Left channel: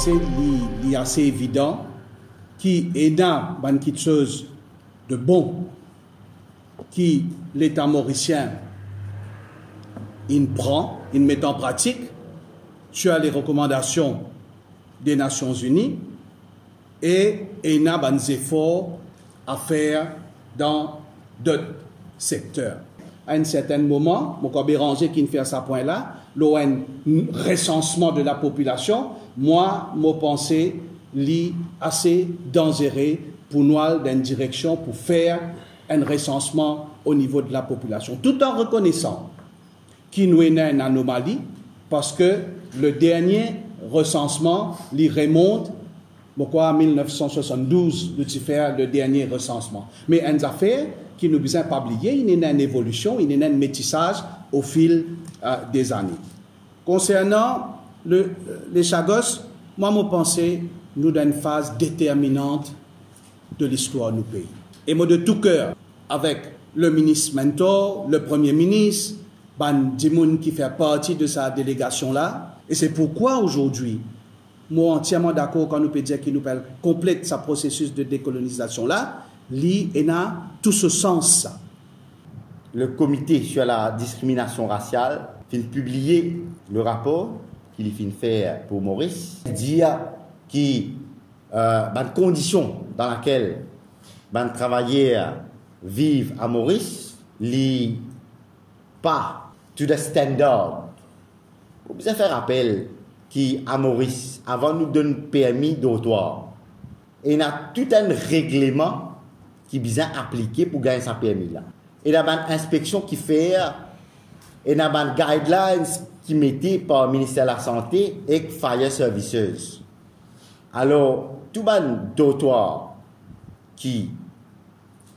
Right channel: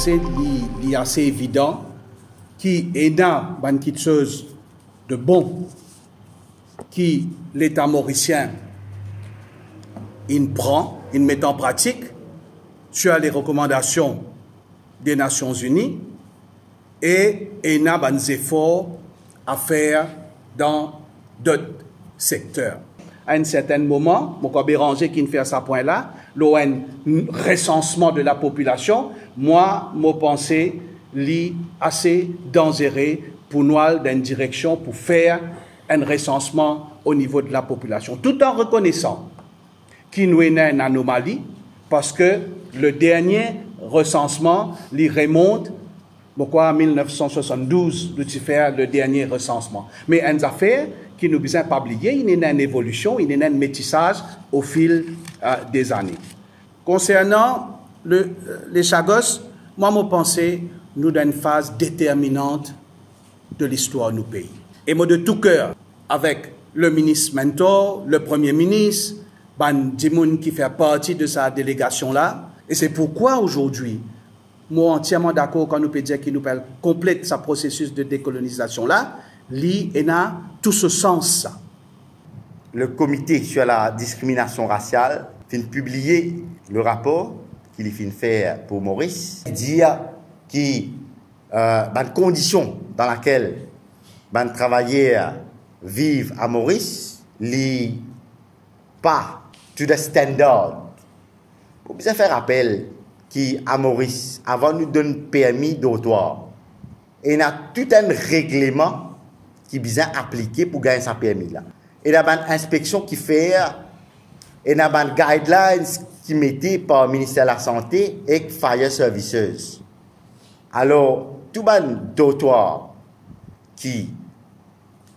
pense qu'il est assez évident qu'il y a quelque chose de bon qui l'État mauricien il prend, il met en pratique sur les recommandations des Nations Unies et il y a des efforts à faire dans d'autres secteurs. À un certain moment, mon Béranger qui fait à ce point-là, l'ON recensement de la population, moi, mon pensée lit assez dangereux pour nous dans une direction pour faire un recensement au niveau de la population, tout en reconnaissant qu'il nous est une anomalie parce que le dernier recensement lui remonte en 1972 de faire le dernier recensement. Mais une affaire qui nous besoin pas oublier, il y a une évolution, il y a un métissage au fil des années. Concernant les Chagos, moi, je pense que nous dans une phase déterminante de l'histoire de nos pays. Et moi, de tout cœur, avec le ministre mentor, le premier ministre, Ban Dimoun qui fait partie de sa délégation-là. Et c'est pourquoi aujourd'hui, moi entièrement d'accord quand nous peut dire qu'il nous complète ce processus de décolonisation-là, il a tout ce sens. Le comité sur la discrimination raciale vient publier le rapport qu'il vient faire pour Maurice, dire que les conditions dans lesquelles les travailleurs vivent à Maurice, n'est pas to the standard. Pour bien faire rappel qu'à Maurice, avant nous donner permis d'autoir, il y a tout un règlement qui est bien appliqué pour gagner ce permis-là. Il y a une inspection qui fait, il y a une guidelines qui mettait par le ministère de la Santé et Fire Services. Alors, tout le d'autoir qui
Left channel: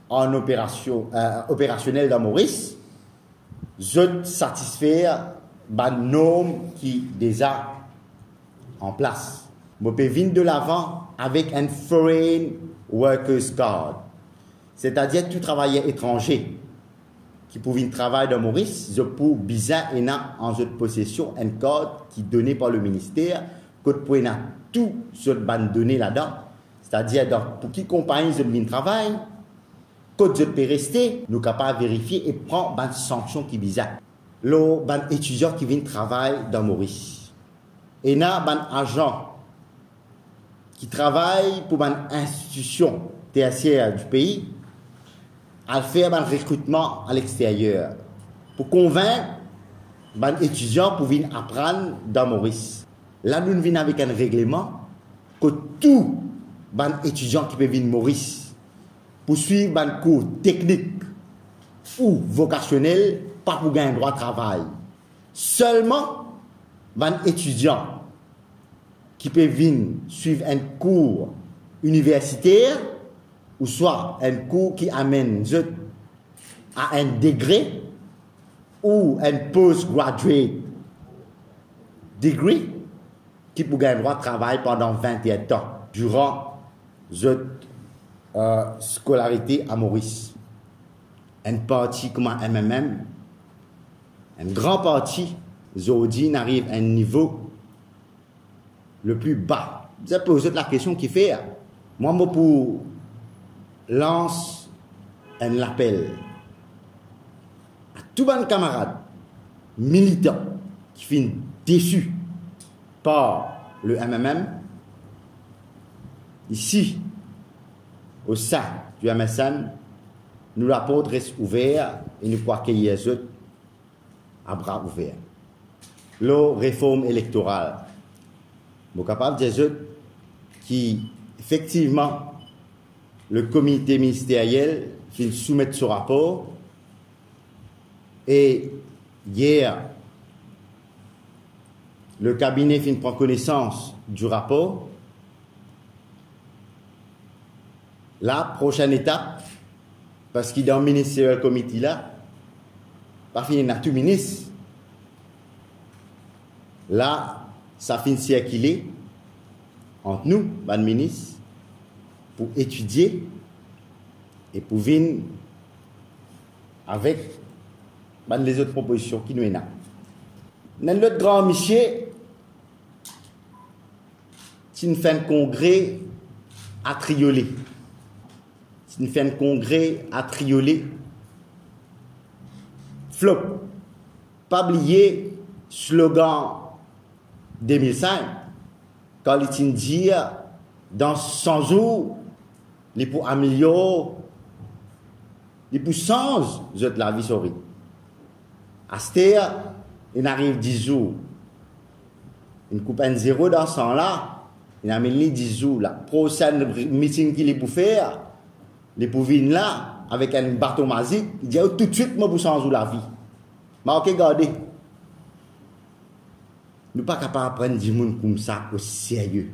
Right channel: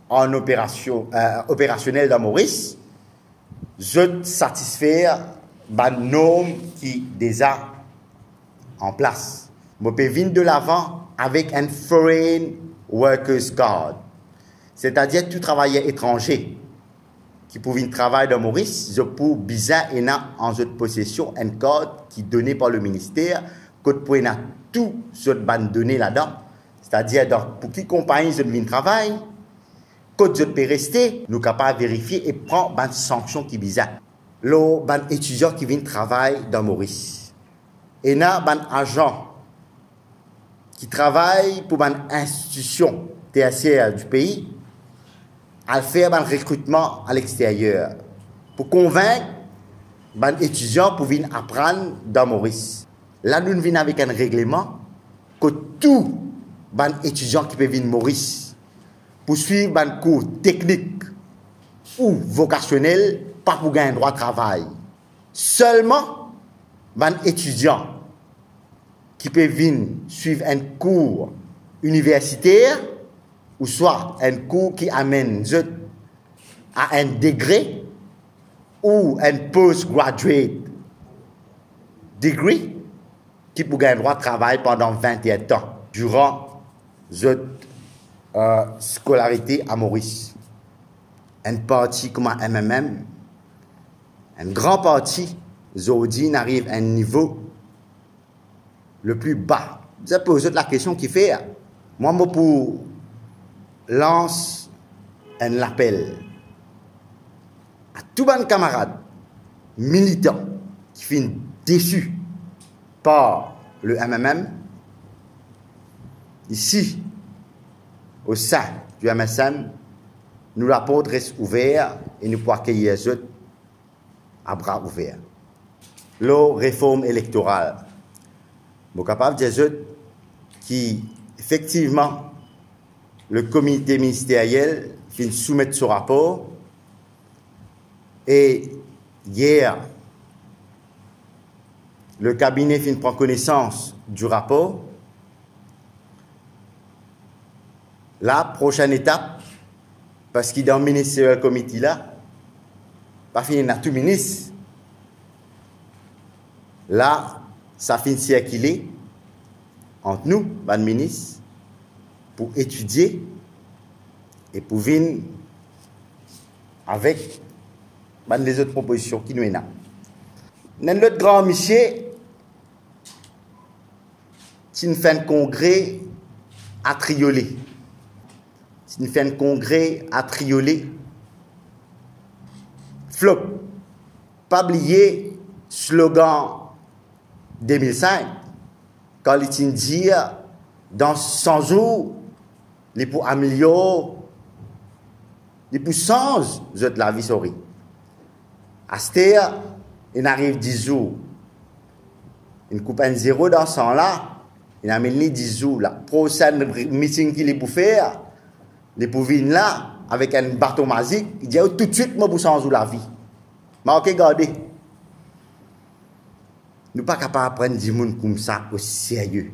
en opérationnel dans Maurice, je satisfais les normes qui déjà en place. Je peux venir de l'avant avec un Foreign Workers Card, c'est-à-dire tout travailleur étranger qui peut venir travailler dans Maurice, je peux bizarre et en votre possession un code qui est donné par le ministère, que pour tout ce données là-dedans, c'est-à-dire pour qui compagnie je viens travailler, que je peux rester, nous sommes capables de vérifier et prendre une sanction qui est bizarre. Les étudiants qui viennent travailler dans Maurice. Et il y a des agents qui travaillent pour une institution tertiaire du pays à faire un recrutement à l'extérieur pour convaincre les étudiants pour venir apprendre dans Maurice. Là, nous venons avec un règlement que tous les étudiants qui peuvent venir Maurice pour suivre un cours technique ou vocationnel, pas pour gagner un droit de travail. Seulement les étudiants qui peuvent venir suivre un cours universitaire ou soit un cours qui amène à un degré ou un postgraduate degree qui peut gagner un droit de travail pendant 21 ans durant cette scolarité à Maurice. Une partie comme un MMM, un grand parti, Zodi n'arrive à un niveau le plus bas. Vous avez posé la question qui fait, moi, pour lance un appel à tous les camarades militants qui sont déçus par le MMM, ici, au sein du MSM, nous la porte reste ouverte et nous pouvons accueillir les autres à bras ouverts. La réforme électorale, nous sommes capables de dire qui, effectivement, le comité ministériel vient soumettre ce rapport et hier, le cabinet vient prendre connaissance du rapport. La prochaine étape, parce qu'il est dans le ministériel comité là, pas fini dans tout ministre. Là, ça finit circuler entre nous, le ministre, pour étudier et pour venir avec les autres propositions qui nous sont là. Dans l'autre grand monsieur, si nous faisons un congrès à Triolet, si nous faisons un congrès à Triolet, flop, pas oublier slogan 2005, quand il dit dans 100 jours, les pour améliorer, les pour changer la vie sur lui. À cette heure, il arrive 10 jours. Il coupe un zéro dans 100 là, il a mis 10 jours là. Prochain meeting qu'il est pour faire, les pour venir là, avec un bâton magique, il dit tout de suite, moi, pour changer la vie. Mais ok, regardez. Nous ne sommes pas capables de prendre du monde comme ça au sérieux.